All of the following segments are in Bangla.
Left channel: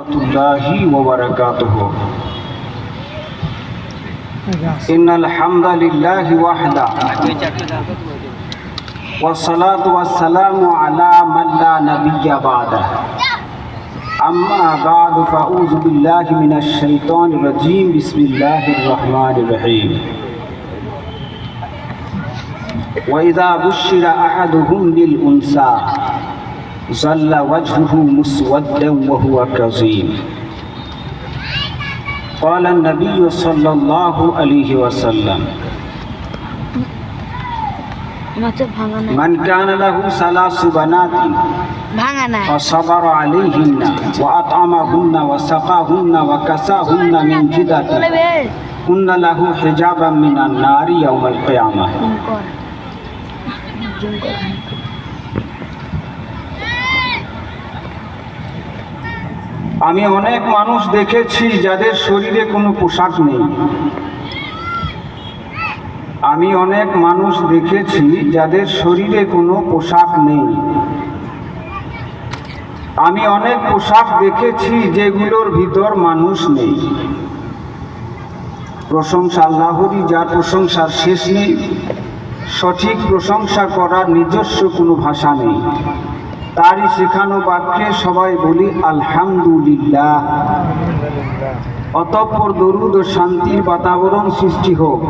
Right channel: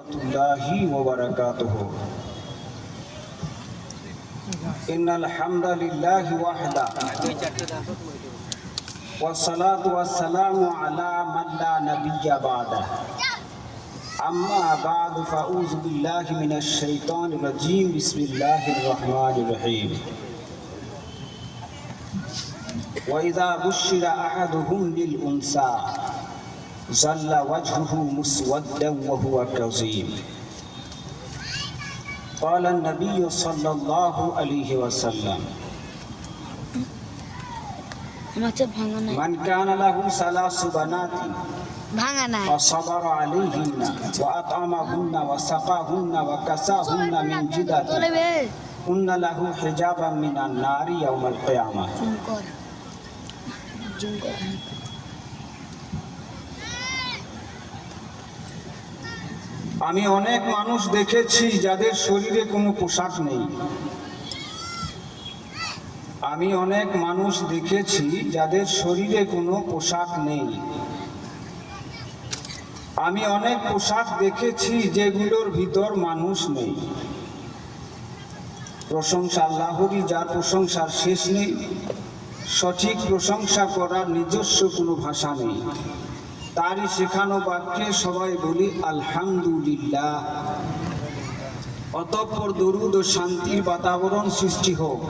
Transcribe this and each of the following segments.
الله وبركاته إن الحمد لله وحده والصلاة والسلام على من لا نبي بعده أما بعد فأعوذ بالله من الشيطان الرجيم بسم الله الرحمن الرحيم وإذا بشر أحدهم بالأنثى ظل وجهه مسودا وهو كظيم قال النبي صلى الله عليه وسلم من كان له ثلاث بنات فصبر عليهن وأطعمهن وسقاهن وكساهن من جدة كن له حجابا من النار يوم القيامة আমি অনেক মানুষ দেখেছি যাদের শরীরে কোনো পোশাক নেই। আমি অনেক মানুষ দেখেছি যাদের শরীরে কোনো পোশাক নেই। আমি অনেক পোশাক দেখেছি যেগুলোর ভিতর মানুষ নেই। প্রশংসা আল্লাহরই, যার প্রশংসার শেষ নেই। সঠিক প্রশংসা করার নিজস্ব কোনো ভাষা নেই। তারই শেখানো বাক্যে সবাই বলি আলহামদুলিল্লাহ। অতঃপর দরুদ ও শান্তির বাতাবরণ সৃষ্টি হোক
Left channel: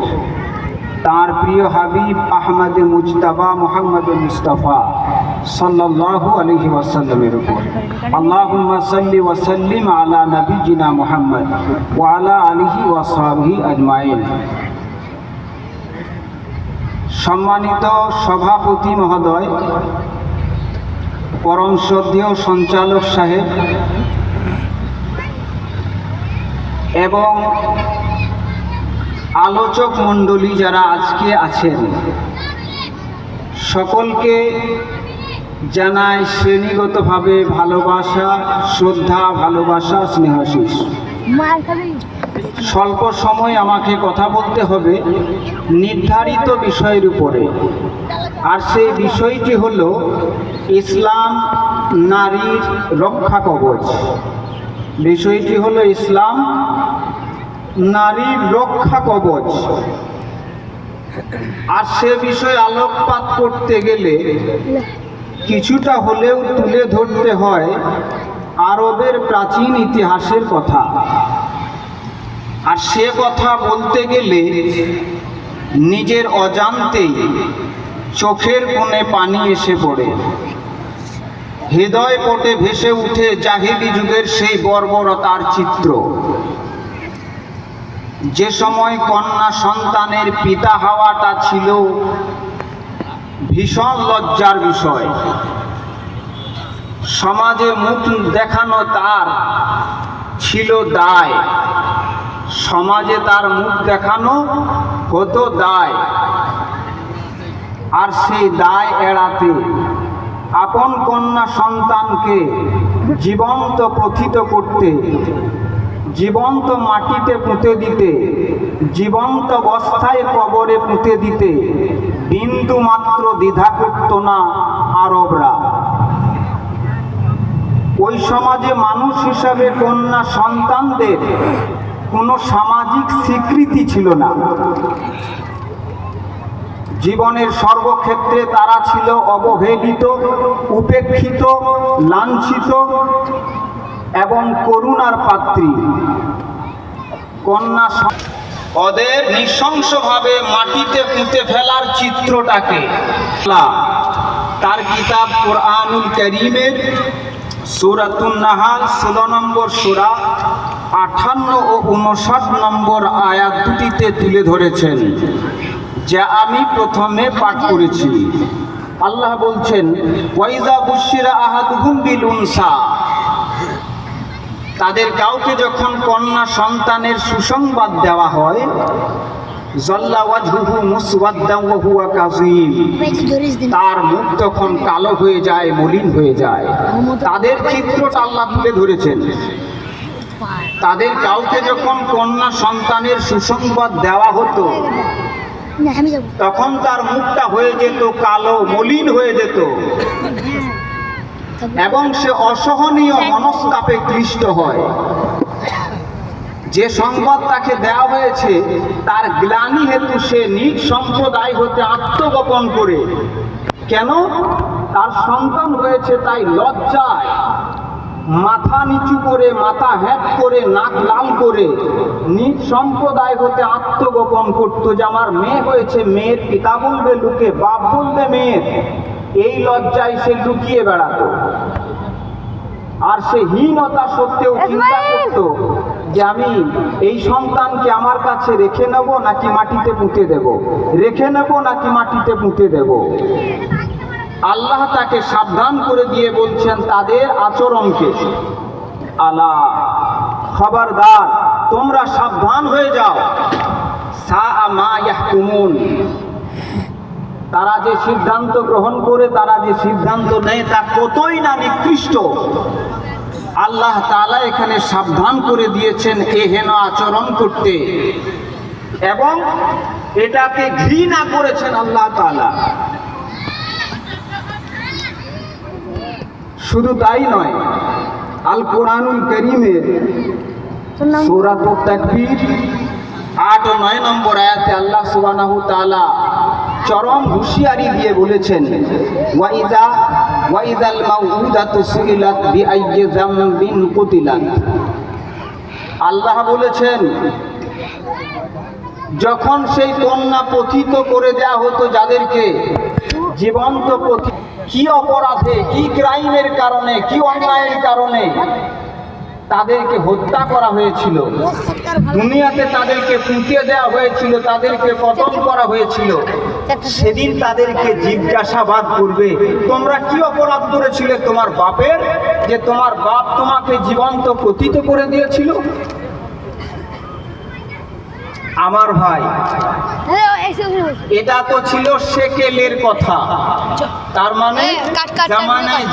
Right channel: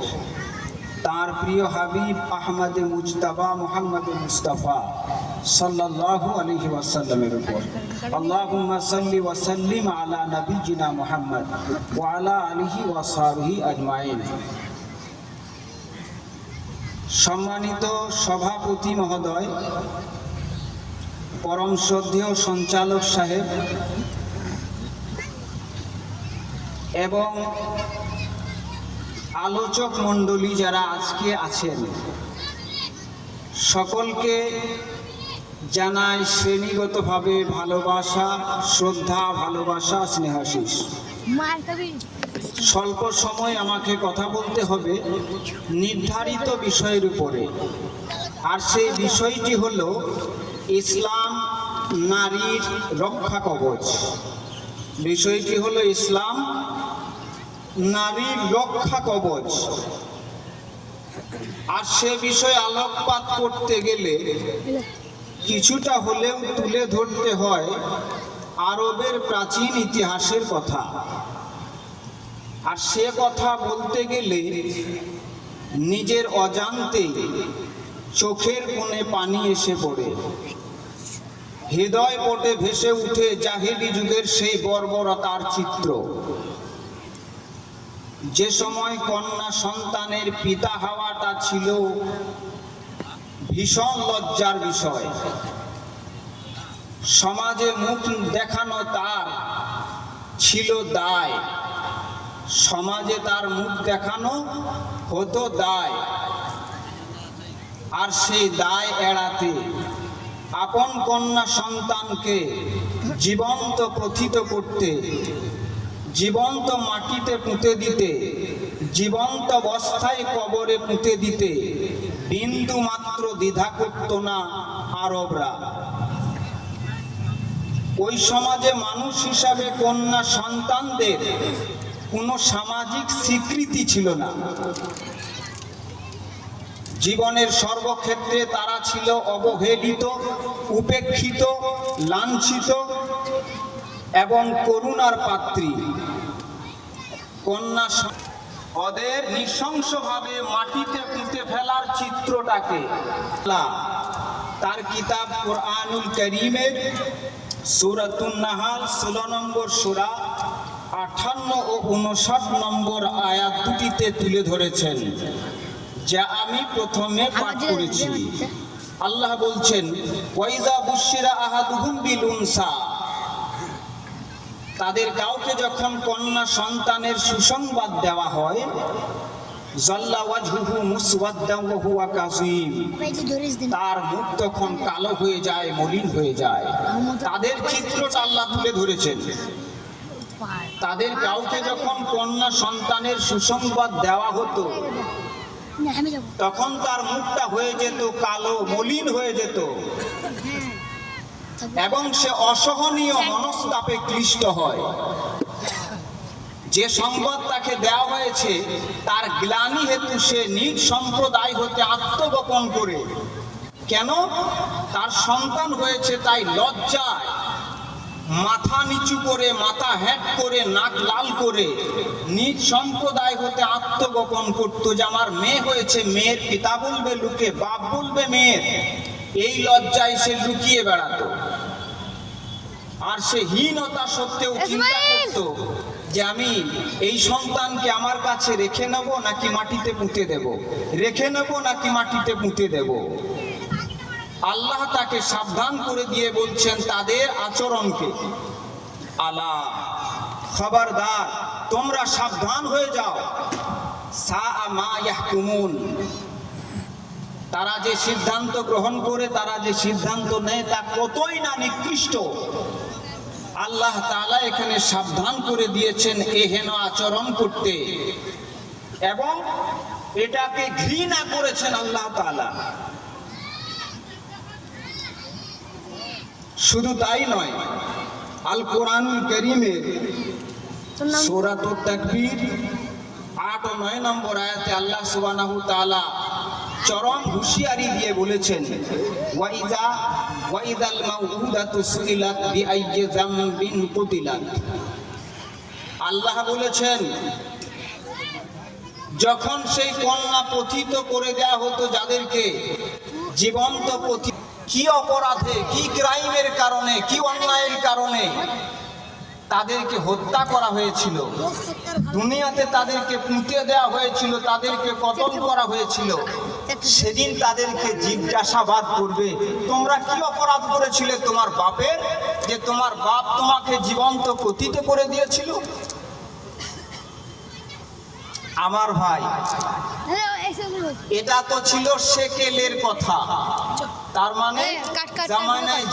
তার প্রিয় হাবিব আহমদে মুজতাবা মুহাম্মদ মুস্তাফা সাল্লাল্লাহু আলাইহি ওয়াসাল্লামের উপর। আল্লাহুম্মা সাল্লি ওয়া সাল্লিম আলা নবিয়িনা মুহাম্মদ ওয়া আলা আলিহি ওয়া সাহবিহি আজমাইন। সম্মানিত সভাপতি মহোদয়, পরম শ্রদ্ধেয় সঞ্চালক সাহেব এবং আলোচক মণ্ডলী যারা আজকে আছেন, সকলকে জানাই শ্রেণীগতভাবে ভালোবাসা, শ্রদ্ধা, ভালোবাসা, স্নেহাশিস। স্বল্প সময় আমাকে কথা বলতে হবে নির্ধারিত বিষয়ের উপরে, আর সেই বিষয়টি হলো ইসলাম নারীর রক্ষা কবচ। বিষয়টি হলো ইসলাম নারীর রক্ষা কবচ। আর সে বিষয়ে আলোকপাত করতে গেলে কিছুটা হলেও তুলে ধরতে হয় আরবের প্রাচীন ইতিহাসের কথা। আর সে কথা বলতে গেলে নিজের অজান্তেই চোখের কোণে পানি এসে পড়ে, হৃদয় পটে ভেসে উঠে জাহিলি যুগের সেই বর্বরতার চিত্র। যে সময় কন্যা সন্তানের পিতা হওয়াটা ছিল ভীষণ লজ্জার বিষয়। সমাজে মুখ দেখানো তার ছিল দায়। সমাজে তার মুখ দেখানো হতো দায়। আর সেই দায় এড়াতে আপন কন্যা সন্তানকে জীবন্ত প্রথিত করতে, জীবন্ত মাটিতে পুঁতে দিতে, জীবন্ত অবস্থায় কবরে পুঁতে দিতে বিন্দু মাত্র দ্বিধা করত না আরবরা। ওই সমাজে মানুষ হিসাবে কন্যা সন্তানদের কোনো সামাজিক স্বীকৃতি ছিল না। জীবনের সর্বক্ষেত্রে তারা ছিল অবহেলিত, উপেক্ষিত, লাঞ্ছিত এবং করুণার পাত্রী। কন্যা ওদের নৃশংসভাবে মাটিতে পুঁতে ফেলার চিত্রটাকে তার কিতাব কুরআনুল কারীমের সূরাতুন নাহাল 16 নম্বর সূরা 58 ও 59 নম্বর আয়াত দুটিতে তুলে ধরেছেন, যা আমি প্রথমে পাঠ করেছি। আল্লাহ বলছেন, ওয়াইযা বুশিরা আহাদুহুম বিল উনসা, তাদের কাউকে যখন কন্যা সন্তানের সুসংবাদ দেওয়া হয়, জল্লা ওয়াজহুহু মুসওয়াদ্দান ওয়া হুয়া কাযীম, তার মুখ তখন কালো হয়ে যায়, মলিন হয়ে যায়। তাদের চিত্রটা আল্লাহ তুলে ধরেছেন। তাদের কাউকে যখন কন্যা সন্তানের সুসংবাদ দেওয়া হতো, তখন তার মুখটা হয়ে যেত কালো, মলিন হয়ে যেত। এবং সে অসহনীয় মনস্তাপে ক্লিষ্ট হয়। যে সংবাদ তাকে দেওয়া হয়েছে তার গ্লানি হেতু সে নিজ সম্প্রদায় হতে আত্মগোপন করে, কেন? তার সন্তান হয়েছে তাই লজ্জায় মাথা নিচু করে, মাথা হ্যাট করে, নাক লাল করে নিজ সম্প্রদায় হতে আত্মগোপন করত যে আমার মেয়ে হয়েছে। মেয়ের পিতা বলবে লুকে, বাপ বলবে মেয়ের, এই লজ্জায় সে লুকিয়ে বেড়াতো। আর সে হীনতা সত্ত্বেও চিন্তা করত যে আমি এই সন্তানকে আমার কাছে রেখে নেব নাকি মাটিতে পুঁতে দেব, রেখে নেব নাকি মাটিতে পুঁতে দেব। আল্লাহ তাকে সাবধান করে দিয়ে বলছেন তাদের আচরণকে, আলা খবরদার, তোমরা সাবধান হয়ে যাও, সাআ মা ইয়াহকুমুন, তারা যে সিদ্ধান্ত গ্রহণ করে, তারা যে সিদ্ধান্ত নেয় তা কতই না নিকৃষ্ট। আল্লাহ তাআলা এখানে সাবধান করে দিয়েছেন এ হেন আচরণ করতে, এবং এটাকে ঘৃণা করেছেন আল্লাহ তাআলা। শুধু তাই নয়, আল কোরআনুল কারীমের সূরাতুত তাকবীর 8 ও 9 নম্বর আয়াতে আল্লাহ সুবহানাহু তাআলা চরম হুঁশিয়ারি দিয়ে বলেছেন, ওয়াইদাল মাউউদাতু সুইলাত বিআইয়ি যামবিন কুতিলাত। আল্লাহ বলেছেন যখন সেই কন্যা পতিত করে দেয়া হতো, যাদেরকে জীবন্ত পতিত, কি অপরাধে, কি ক্রাইমের কারণে, কি অন্যায়ের কারণে তাদেরকে হত্যা করা হয়েছিল, দুনিয়াতে তাদেরকে পুঁতে দেওয়া হয়েছিল, তাদেরকে কতল করা হয়েছিল, সেদিন তাদেরকে জিজ্ঞাসাবাদ করবে তোমরা কি অপরাধ করেছিলে তোমার বাপের, যে তোমার বাপ তোমাকে জীবন্ত পতিত করে দিয়েছিল। আমার ভাই, এটা তো ছিল সেকেলের কথা, তার মানে জামানায়